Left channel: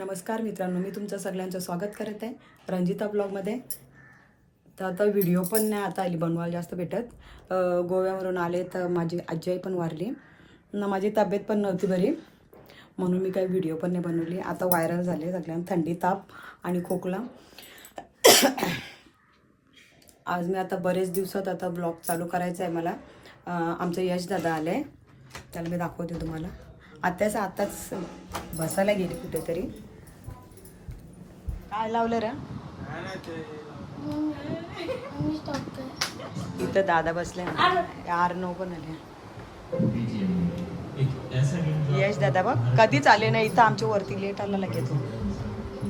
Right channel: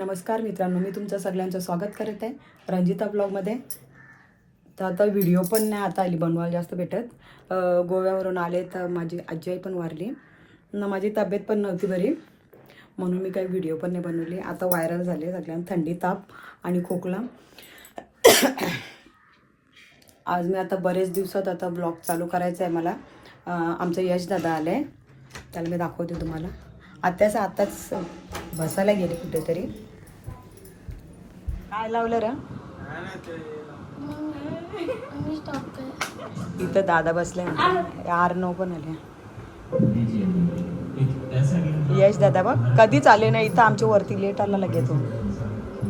नमस्कार मित्रांनो मी तुमचं सगळ्यांचं स्वागत करत आहे रंजिता ब्लॉगमध्ये. तर आता व्हिडिओ पण नाही आता आली बनवायला जास्त भेटत. गोव्यावरून आले तर माझी आजी पण वारली. न माझी तब्येत पण नव्हती बरी. म्हणून मी काही व्हिडिओ पण नाही बनवली. आता व्हायरल झाले सगळ्यांना थंडी ताप आणि खोकला. आज मी आता बरेच दिवसात आता ब्लॉग चालू करायचा आहे मला. आमचं यश दादा आलं. आहे त्याला मी दाखवते तुम्हाला. आत्ताच आत्ताच बसायला गेले कुठेतरी. काय लावलं रे? इथं दादा बसले आर नऊ पण आले. यश दादा बघ कधीच आले नाही. इथं आमच्या वरती लेट आला लगेच तो.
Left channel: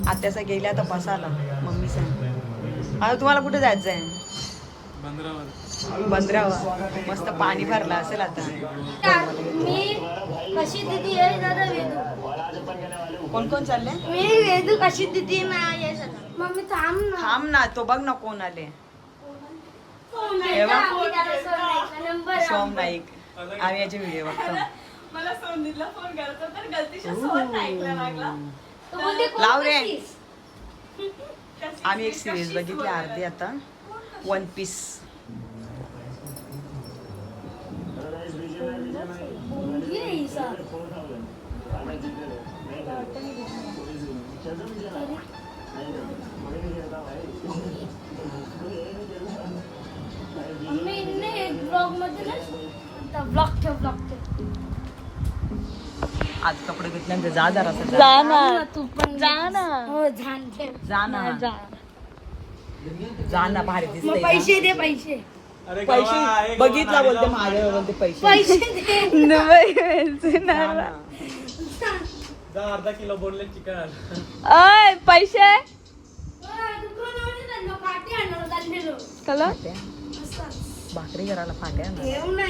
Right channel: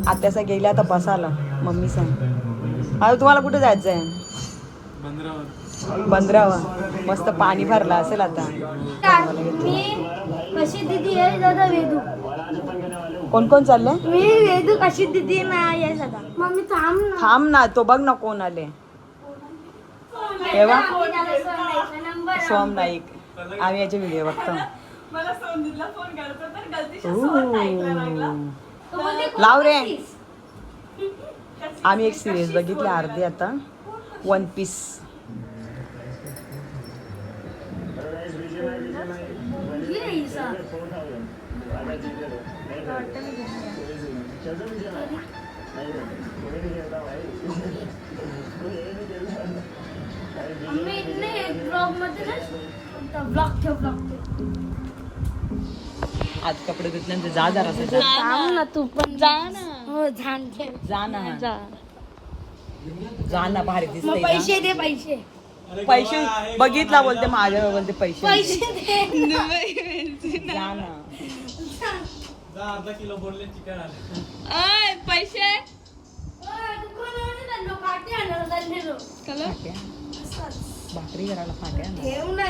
आत्याचा गेला तर बसाला मम्मी सांग. आता तुम्हाला कुठे जायचं आहे बंदरावर. मस्त पाणी भरलं असेल आता. कोण कोण चालले मी वेदू कशी दिदी ना या मम्मी थांब ना. थांब ना तो बघ ना कोण आले तेव्हा सोम नाईक आम्ही याचे व्हिडिओ बघतो. लाव रे. आम्ही एक सिरीज बघितली अर्धी आता. वन पीस आज कपडे घेतल्यानंतर जा जरा जा. जा ना. तू पण. जा ना. हो झान जा ना. जा. जा ना भारी मग दिसते पैसे दे पैसे. पैसे बघितला बोलते माझ्या बोलते पैसे. पैसे दे. जा ना. अर्धा किलो बोलले चिकन. अय पैसे. पाठी आणणार चाललेलो कला भाकरी करायला ना. ना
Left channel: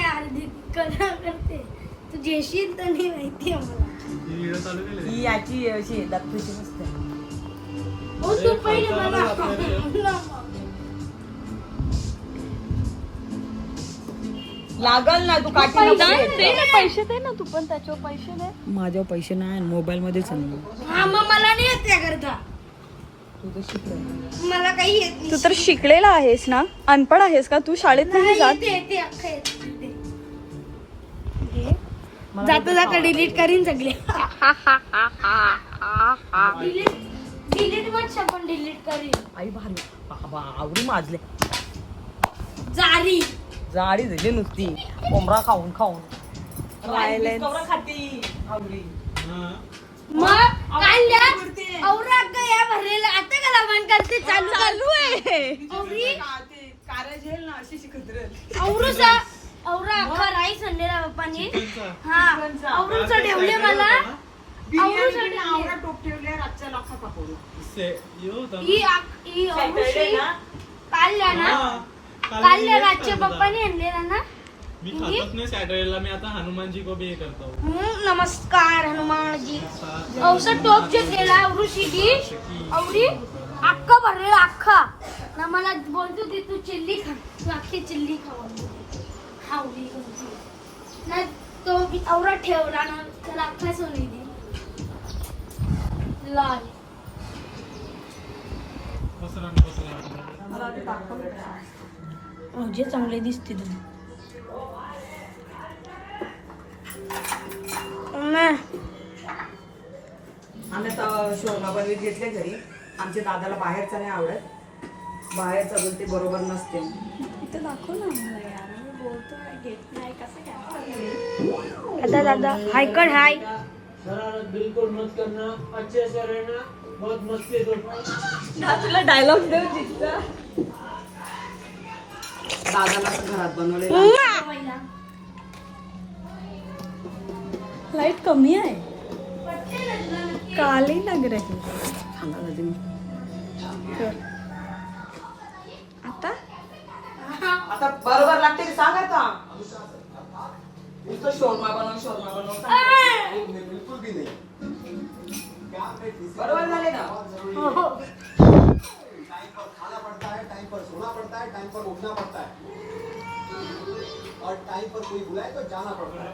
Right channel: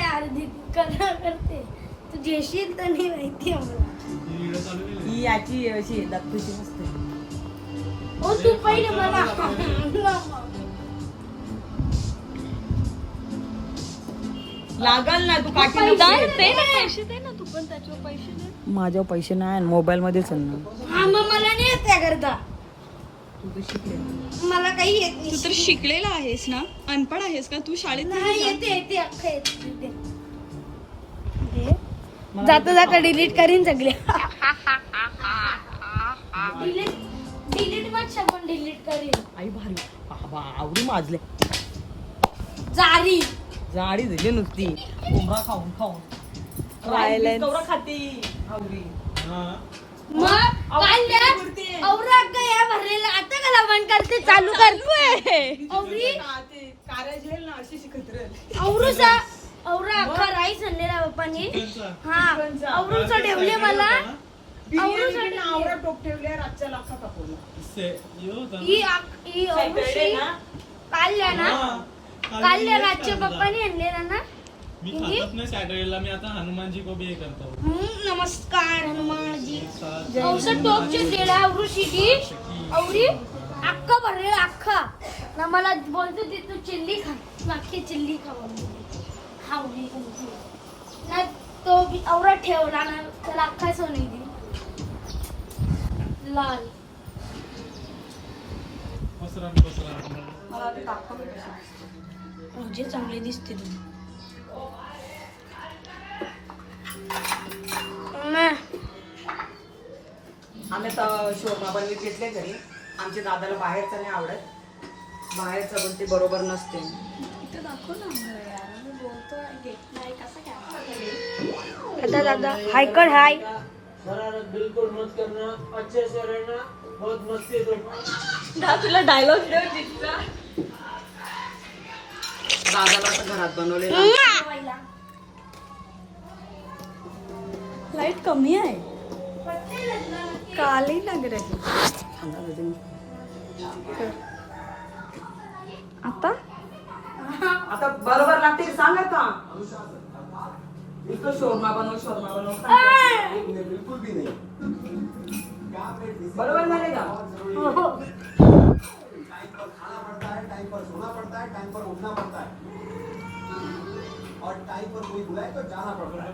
कला करते. तू जेशील तर नाही माहिती ही याची अशी दत्तूची मस्त आहे. हो तू पहिले मला लागल ना तू काठी पैसे दे देऊ. पैसे दे ना तू पण त्याच्यावर पैसे दे. माझ्यावर पैसे नाही मोबाईल मध्येच ना हा मला नाही येत त्याकरता तू तर शिकले मला काही येत नाही. तू तर शिकलेला आहेस ना? अनपड आहेस का? तू शाळेत नाही नाही, जात? येते येते अख्खं येते जाता जाता डिलीट करीन सगळे. डिलीट डिलीट मत शब्द डिलीट करीन. आई भारी. बाबा आवडी माजले. जारी. जाडी झाली नुसती. कोंबडा खाऊन खाऊन. खाती. आवडी. मग काय द्या औरा का या भरलेला आता कला मन करते चालू कर. औरी कार्य झेल ना अशी शिकत राहिली औरूचा औरा अख्खा राईस आणलेला पप्पाने. हा. औरूचा ठेवले मला. आवडा टोप ठेवल्या रातच्या लाखा ही आक- ही औरूची ना? रातच्या पप्पाने आणलेला ना? मी खातच नाही सॅटरडेला मी आता हनुमानजी को भी हे करतो. हम्म, नमस्कार हनुमानजी. औषध टोप केला औरुशीची औरी अख्खा भरलेला अख्खा. ना मला बोलतो ते तू चिल्ली खा. अख्खी चिल्ली खाऊ खावली नाही तो बी औरा ठेवला ना त्याला अख्खा सोनी दे लाल. पसरण पसरण म्हणजे चांगले दिसते तुम्ही आम्ही तर शोरमा बनवीत घेतले घरी. आमच्या दादाला बाहेरचं नाही आवडत. बाहेरचं बोलते बरोबर नसते. आता दादा हाय कड हाय. शरारत बिल्कुल मत करना अच्छे से रहना बहुत मस्ती करना तुला डायलॉग दादाला घरात बनवले लाईट कमी आहे काली लग रही। कर. आता? आता बरोबर लागते सांग आता. नुसतं शोरमा बनव शोरमा बनव. बरोबर झाले का टाइम पर खाना पड़ता है टाइम पर सोना पड़ता है टाइम पर उठना पड़ता है और टाइम पर कोई बुलाए तो जाना पड़ता है।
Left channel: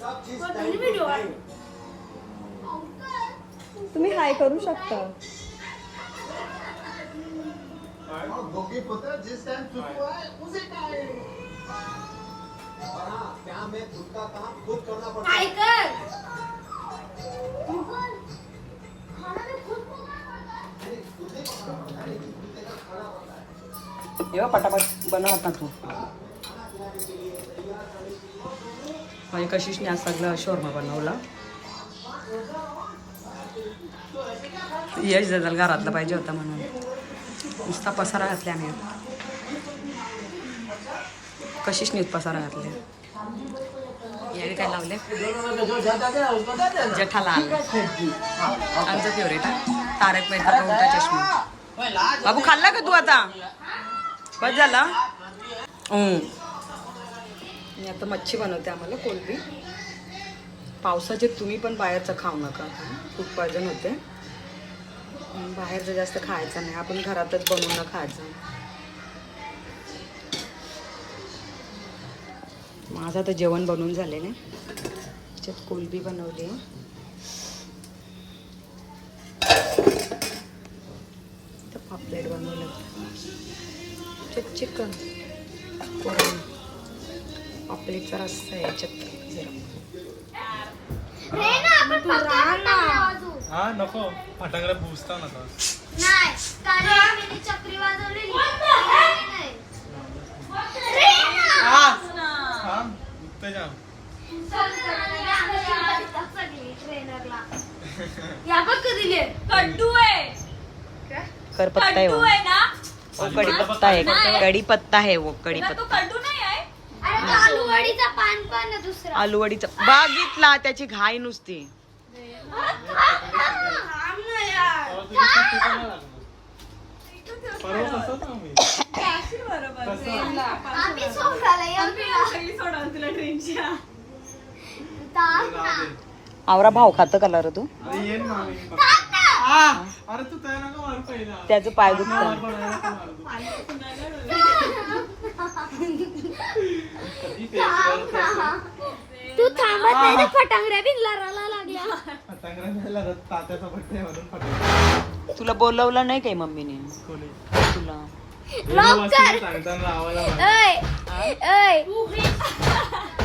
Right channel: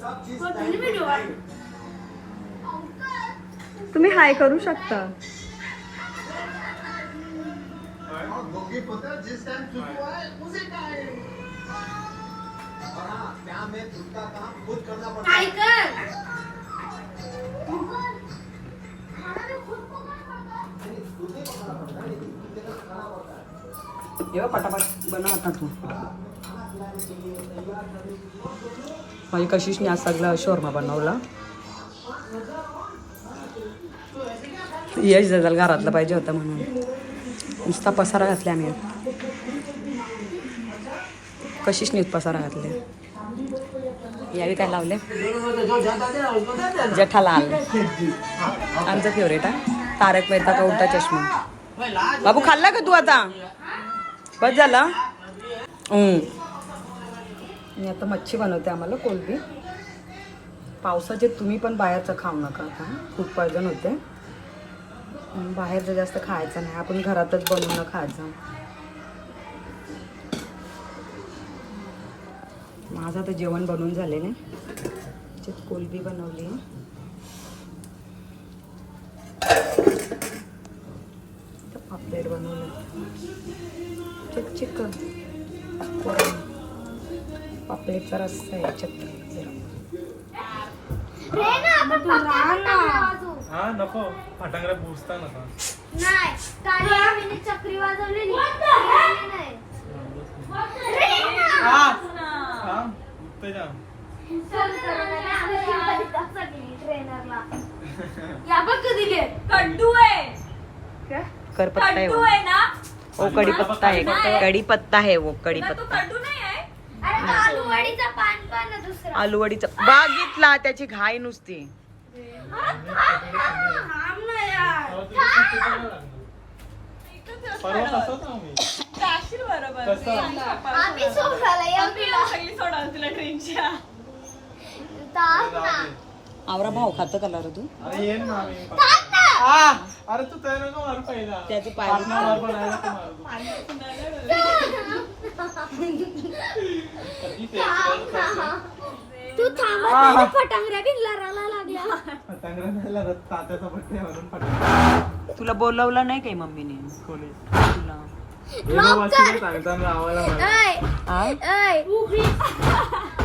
सब चीज टाइम। टाइम तुम्ही हाय करू शकता? और दोघी पुत्र जिस टाइम चुकू है उसी टाइम। और हाँ क्या में खुद का काम खुद करना पड़ता है। कर जेव्हा पटापट बनव तू. माझी कशीच आज सगळं शोरमा बनवला. यश दादाला घरातलं पाहिजे होतं म्हणून. नुसता पसारा घातला आम्ही. कशीच नीट पसारा घातले यावेळी काय लावले जेठालाल आमचं फेवरेट हा. तारक मेहता का उलटा चष्मा? बाबू खाल्ला का तू आता? बस झाला. मी आता मच्छी बनवते आम्हाला कोलबी. पावसाचे तुम्ही पण बाहेरचं खाऊ नका आता. खूप पॉयझन होते. बाहेरचं जास्त खायचं नाही. आपण घरातच बनवून खायचं. माझं आता जेवण बनवून झालेलं आहे. त्याच्यात कोलबी बनवली आहे. पापलेट बनवलं. चिकन. कोरम पापलेटचा रस्सा आहे याच्यात जरा. हा नको. फटाकडे बुजता नका नाही काल आम्ही चक्री वाजवलेली. हा. ते जा फोन करून आले, आम्ही शिवबाईचा सगळी ट्रेनरला. या बघ कधी घे. कड्डू आहे. करपत्ता आहे कड्डू वो आहे ना? ओ कढीपत्ता आहे. कढीपत्ता आहे वो ना तू कढीपत्ता. कड्डू नाही आहे? अरे तो आलूवडीचा पान पण आहे दुसरा. आलूवडीचा. बागितला त्याची घाई नुसती. आवरा भाव खातं का रे तू? अरे तू त्या नका मारू पहिला. त्याचं पाय दुखतं ते थांब फटांगड्या बी लढायला लागल्या. नाही लागत तात्याचा बड्डे म्हणून फटाकडे तुला बोलवलं नाही काही मम्मीने? कोणी? तुला. सांगताना आवाला मार. ऐ? ऐ.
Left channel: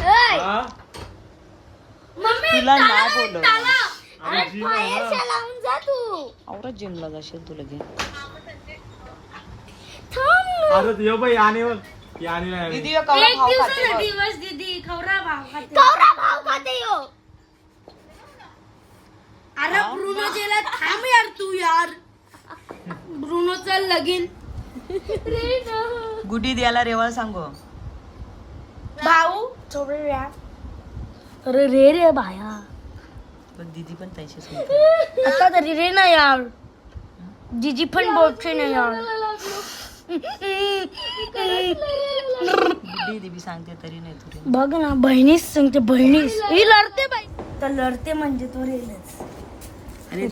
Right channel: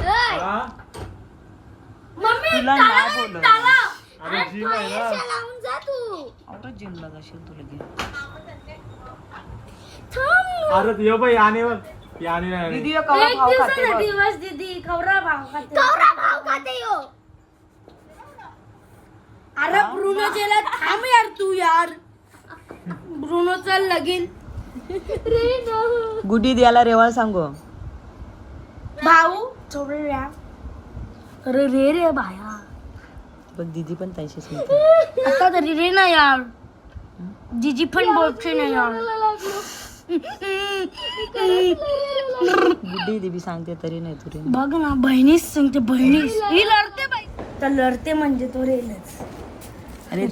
ऐ. हा? तुला नाही बोलवलं. अरे जीव आहे ना. बाहेरच्या लावून जा तू. आवरा जिमला जाशील तुला घे थांब अरे यो बाई आणि बघ. ती आणि नाही दीदी यो कवळा भाव खाते बघ. दिवस दीदी खवरा भाव खाते खवरा भाव खाते यो. अरे ब्रुनो जेला थांब यार तू यार. ब्रुनोचा लगीन. रे ना. गुडी द्यायला रेवाळ सांगू. भाऊ. अरे रे रे भाया बघ दीदी पण त्याशीच म्हणते आता तरी रे ना यार. जीजी पण बोलते ना यार. गुड्डी दीदी सांगते तरी नाही तुरी बघ ना बहिणीच सांगते बहिणीच. ही लढते बाई. तर लढते म्हणजे तो रेलच. अरे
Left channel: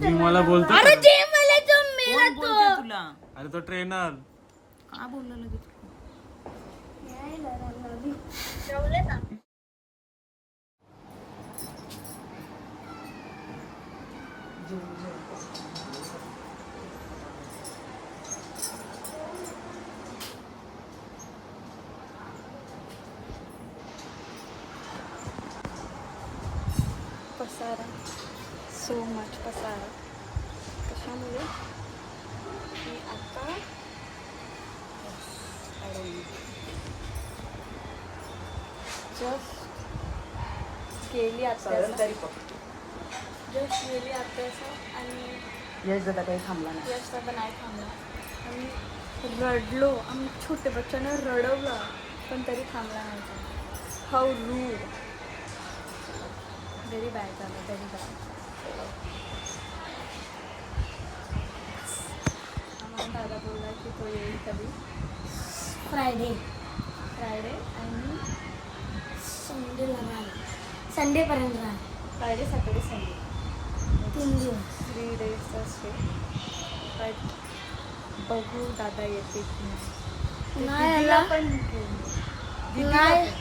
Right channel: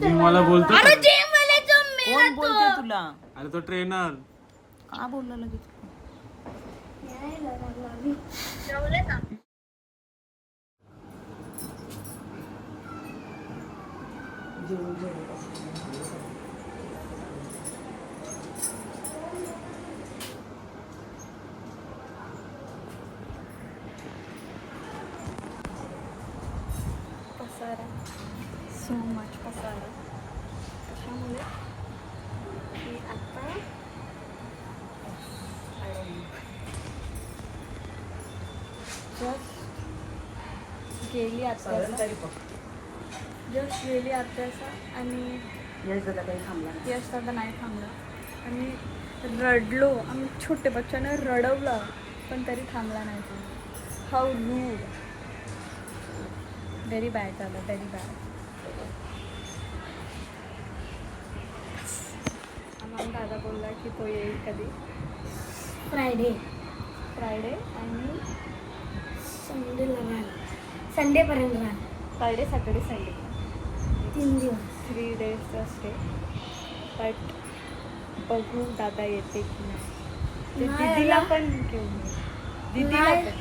मी मला बोलतो अरे जे मला तो कोण बोलते तुला? अरे तो ट्रेनर का बोलला लगेच? पसारा सो मच पसारा कशामुळे मी आता जस्ट गेली आत्याचा जस्ट गेली आत्याचा आणि यश दादा काही थांबला. यश दादा नाही थांबला. आम्ही रडलो. आम्ही छोटे बच्चांना रडवलं पण तरी थांबला नाही तो. हाऊ रूड व्हेरी बॅड झालं व्हेरी बॅड आम्हाला दादा बोलला की तो येईल कधी? फ्रायडे फ्रायडे आणि संडेला राहील. संडे पर्यंत राहील. फ्रायडे सॅटर्डे संडे तीन दिवस थ्री डेजचा स्टे बट बघू दादा येते की नाही ते नाही दीदीला आला? पण घेऊन ये. दीदीला नाही. पण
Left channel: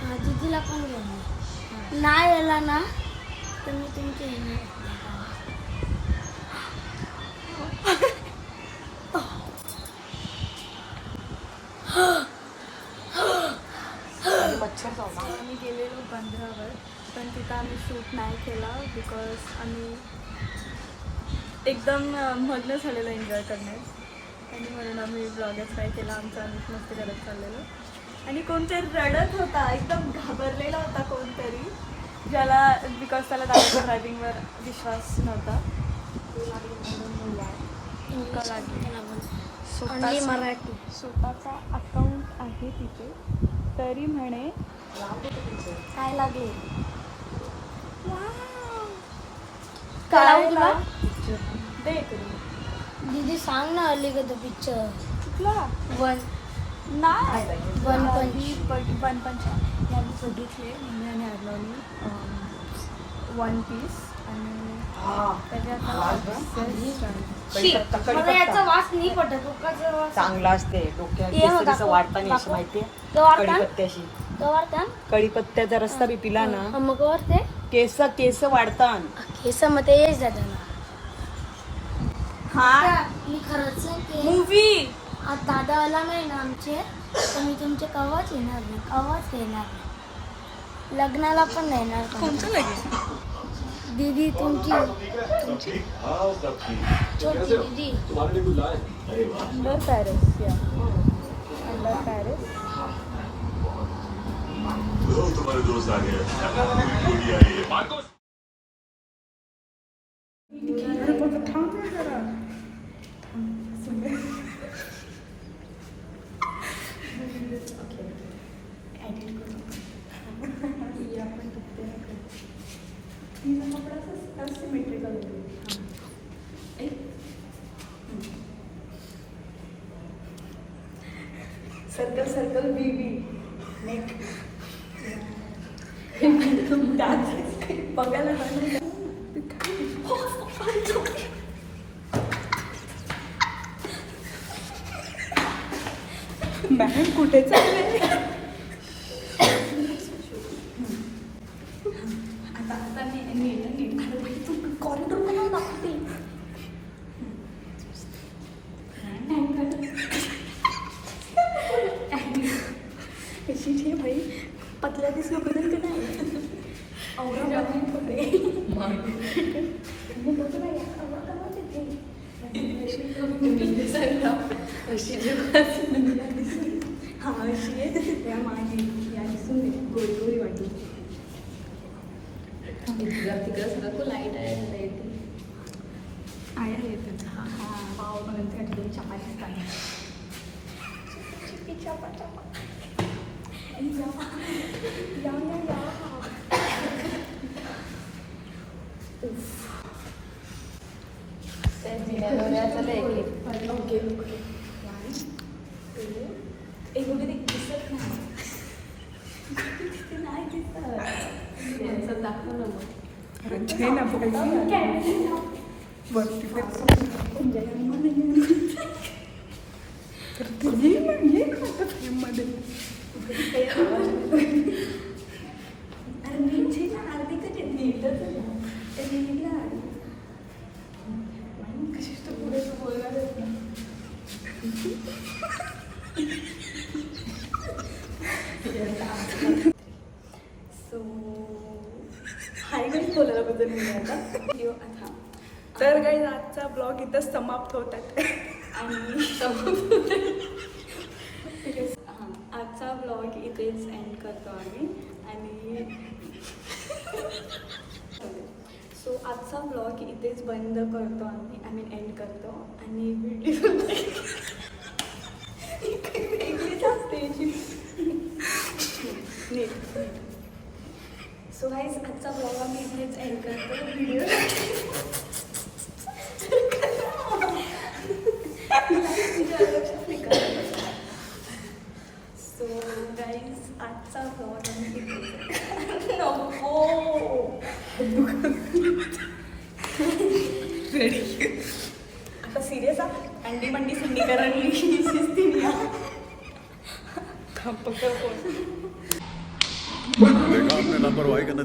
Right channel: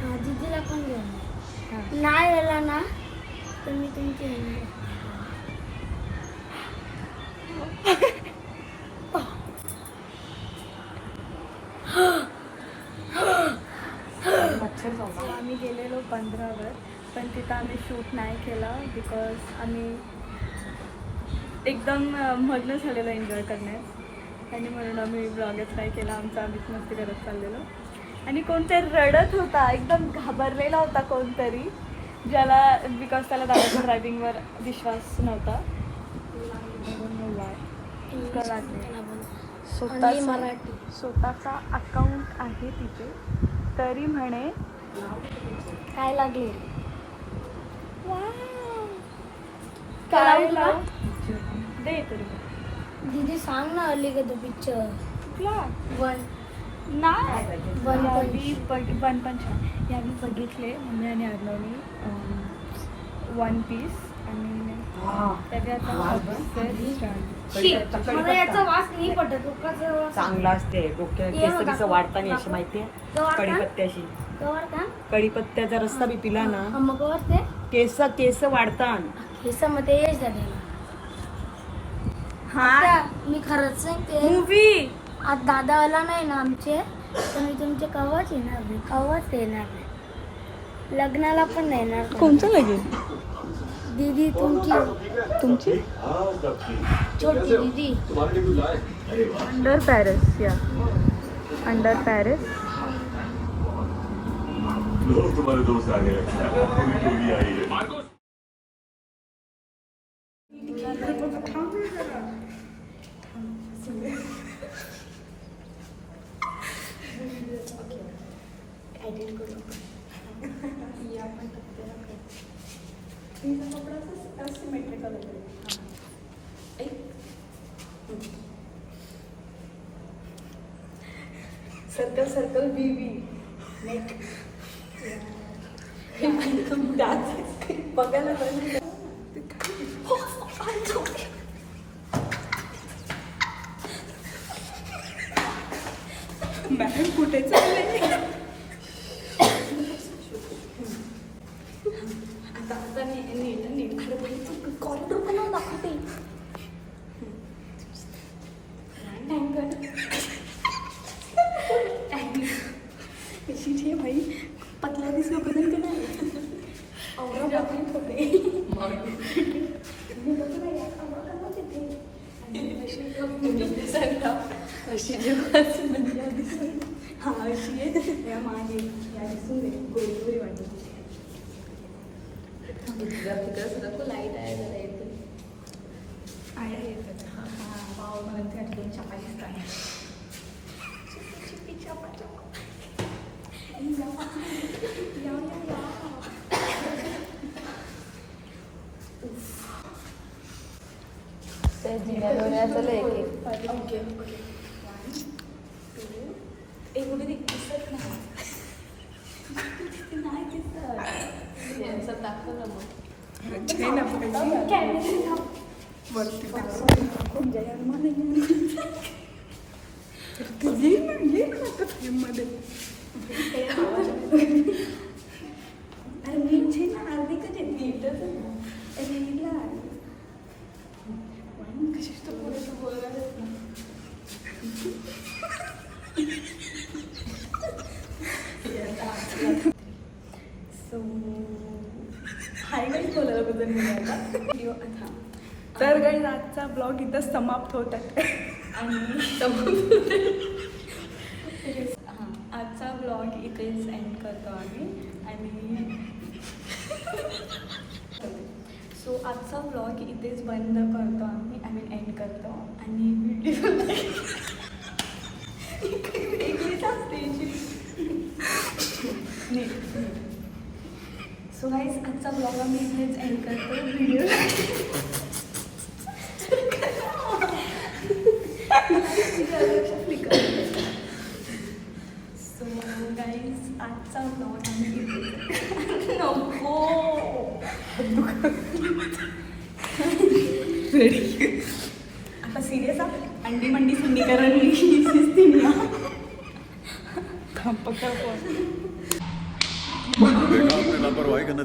हा, दीदीला पण घेऊन ये. हां नाही आला ना तर मी तुमचे आम्ही गेलेलो बंदरावर पण तिथं आम्ही शूट नाही केला बिकॉज आम्ही एकदम मग्न झालेलो एन्जॉय करण्यात आणि म्हणून आम्ही ब्लॉगच नाही केला. आमचं आम्हीच मस्ती करत चाललेलो. आणि कोणतरी रडत होता एकदम घाबरलेला होता कोणतरी ज्याला बिकॉज त्याला दादाच्या ड्रायव्हिंगवर विश्वास नव्हता. स्वतःचा अकाउंट आहे तिथे. तरी म्हणे काय लागले? काय दे दीदी सांग ना आली का तो पिक्चर कुठला? वन. नाही. वन यावी बट वन पण छान यावी बघितले मम्मी आणि अर्णवनी वन पीस आणि त्याच्यात मला याचा वास नाही पटत. उपकाचा वास. चांगला असते. डोक्यावर ये केसरीचं वाढताना अशी तो वाढता? कढीपत्त्याशी. कढीपत्त्याचा रस्ता बी पिला ना. मग वरते केस केस वाढतात केसामध्ये येच जाते हा? मी खरंच ते मूवी आज दादावाला नाही ना आमचे तर मी तुमचे कवाच येणार नाही कवाच येणार नाही. लग्नाला पण नाही येणार कोणचं नाही दीदी तुमची. तुमची? छोटी दीदी. अंडर पॅरिस या. अंडर पॅरिस तुम्हारे दोस्त आ गए गोली आई है सर्कल सर्कल बी बी बघायला मॅडम कुठे चालले आता आता नी- नीट नीट अरे भाई तू कॉरिडोर कोणाला दाखवते नाही गं. कशीची भाई पतल्या दिसल्यापर्यंत नाही आवडा बघून थोडे मी बघ बाई, आवडा का तिथे? हा अशी आहे या माझी या दिसून दे गोरी गोरी वाटू आया येतात हा हा पाव बनवते आणि दोन चपात्या काय चपा चपा या या या वरती ये ना ये ना आता फ्रेममध्ये हा. तर काही आजचा ब्लॉग इथं समाप्त होत आहे. आणि समाप्त हां आजचा ब्लॉग इथेच एंड करतो आम्ही. आणि सो आजचा ब्लॉग इथेच बंद करतो आम्ही आय मीन एंड करतो. आणि व्हिडिओ सो गाईज आजचा ब्लॉग आम्ही इथेच एंड करतो. व्हिडिओ सो गाईज आजचा ब्लॉग आम्ही नको.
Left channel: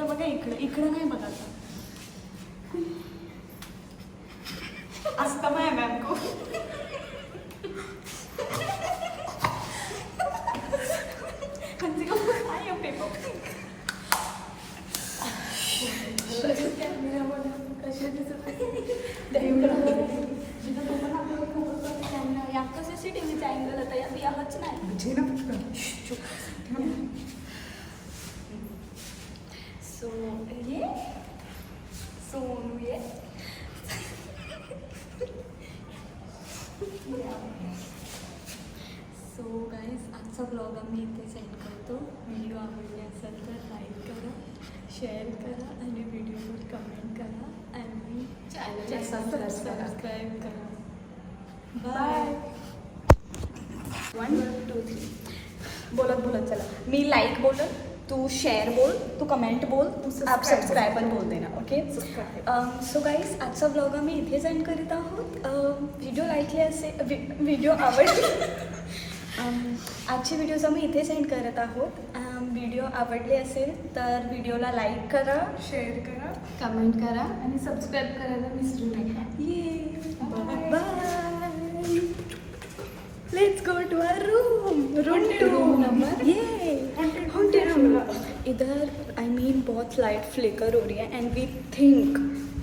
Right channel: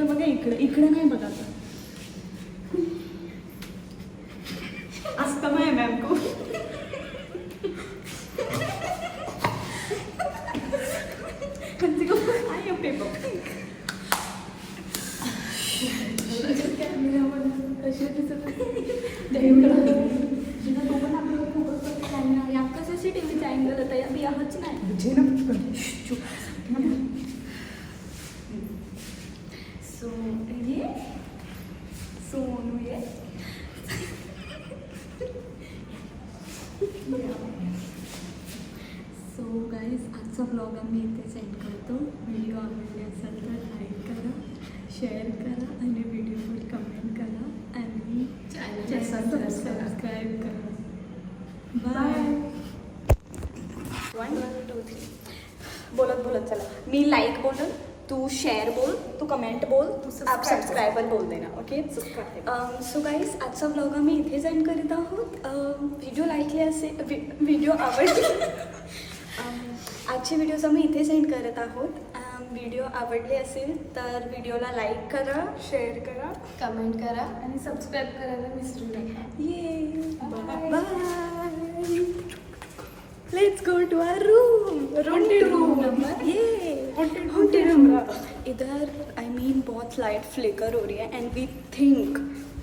हा इकडं बघा इकडं इकडं नाही बघा आता असतं मॅम को कधी आय एम पेपर कसं सी टी व्हीचा अँगल होता या मी आहोत नाही घे ना पटकन. सो ये सोनू ये सो गाईज आजचा ब्लॉग आम्ही इथे सेंड करतो. व्हिडिओ आवडला असेल तर लाईक करा शेअर करा आणि व्हिडिओवर कमेंट करा आणि चॅनल सबस्क्राईब करा. बाय वन टू थ्री बोलत बोलत चला. मी लाईक बोलल तू शेअर बोल तू कमेंट बोल आप सबस्क्रायबर बोल देना ओके सो गाईज आजचा ब्लॉग आम्ही इथे जॉईन करीत आहोत. व्हिडिओ लाईकले असे व्हिडिओ आवडले. Um, Um, आजचे व्हिडिओज आम्ही इथे सेंड करत आहोत. Um, व्हिडिओ आवडले असेल तर व्हिडिओला लाईक करा शेअर करा कमेंट करा आणि सबस्क्राईब करायला विसरू नका. ये bye let's go to our room room two ये haunted इधर आई मीन बहुत लाइट फ्लिकर हो रही है and we think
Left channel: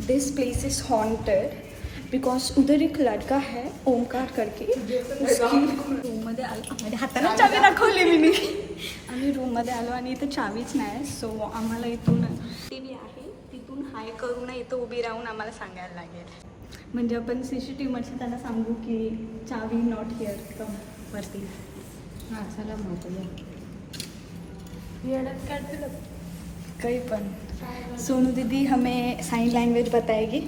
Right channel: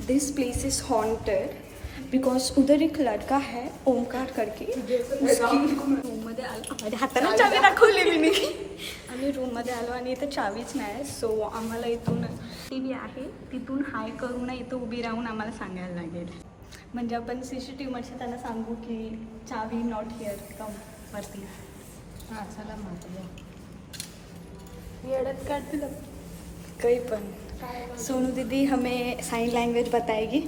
this place is haunted because उधर एक लड़का है ओमकार करके उसकी रूममध्ये आलो हाताने चावी दाखवली मी आम्ही रूममध्ये आलो आणि इथं चावीच नाही सो आम्हाला इथून टी व्ही आहे तिथून हाय करून इथं उभी राहून आम्हाला सांगायला लागेल. म्हणजे आपण सी सी टी व्हीमध्ये त्यांना सांगू की चावी नॉट हिअर कम वरती. काही पण. सोनू दीदी हमें साइन लैंग्वेज बताएगी.